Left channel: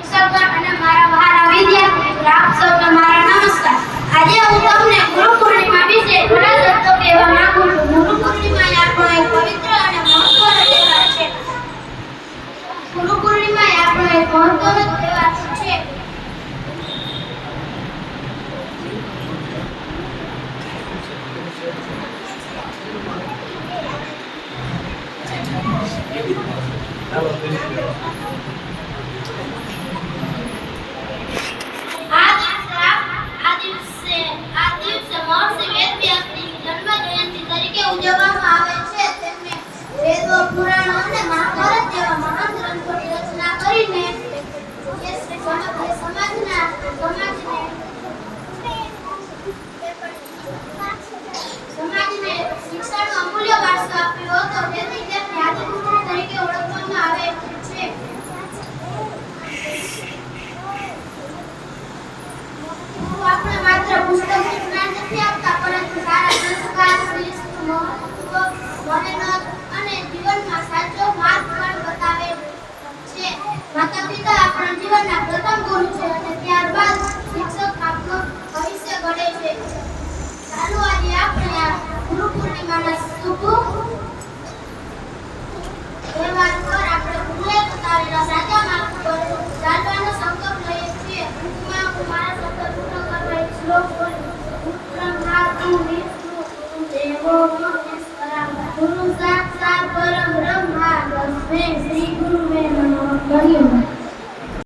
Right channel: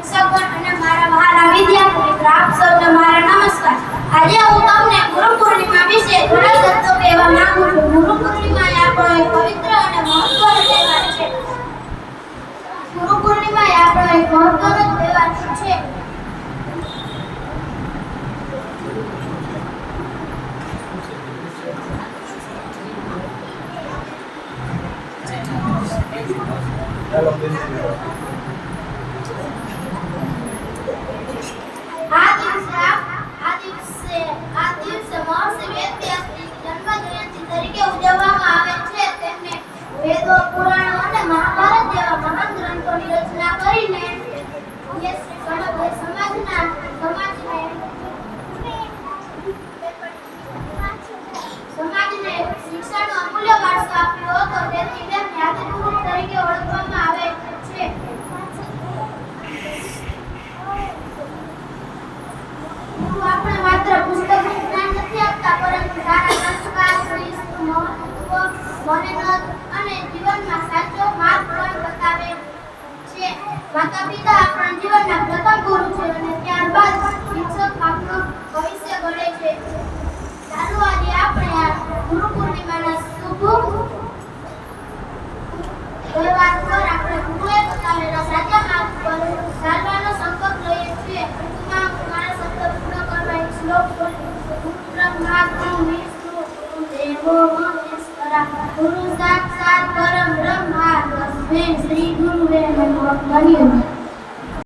શિક્ષકગણ અને મારા વહાલા વિદ્યાર્થી મિત્રો આપ સૌને મારા નમસ્કાર. આજે હું તમને ગુરુ પૂર્ણિમા વિશે થોડા શબ્દો કહેવા માંગુ છું. ગુરુ પૂર્ણિમા એ આપણો એક પવિત્ર અને મહત્વનો તહેવાર છે. ગુરુ પૂર્ણિમા એ આપણો એક મહત્વનો તહેવાર છે. આ દિવસે મહર્ષિ વેદવ્યાસની જન્મજયંતિ તરીકે ઉજવવામાં આવે છે. તેમને વેદો, પુરાણો અને મહાભારત જેવા મહાન ગ્રંથોની રચના કરીને સમાજને શિક્ષણનો અમૂલ્ય વારસો આપ્યો હતો. તેથી તેમને આદિગુરુ તરીકે ઓળખવામાં આવે છે. આપણે માત્ર પુસ્તકનું જ્ઞાન નથી આપતા, પરંતુ સારા સંસ્કાર, શિસ્ત, મહત્વ, મહેનત અને જીવનમાં સાચો માર્ગ પણ બતાવે છે. માતા પિતા આપણા જીવનના પ્રથમ ગુરુ છે અને ત્યારબાદ શિક્ષક આપણું ભવિષ્ય ઘડે છે. ચાલો આજે આપણે આ ગુરુ પૂર્ણિમાના શુભ તહેવાર પર આપણે ગુરુએ બતાવેલા સાચા માર્ગ પર ચાલવાનો સંકલ્પ લઈએ છીએ. ટૂંકમાં હું મારા શબ્દ પૂર્ણ કરવા એક શ્લોક બોલું. બ્રહ્મા વિષ્ણુ દેવો મહેશ્વરા ગુરુ સાક્ષાત પરમ બ્રહ્મા તસ્મૈ શ્રી ગુરુવે નમઃ. ધન્યવાદ.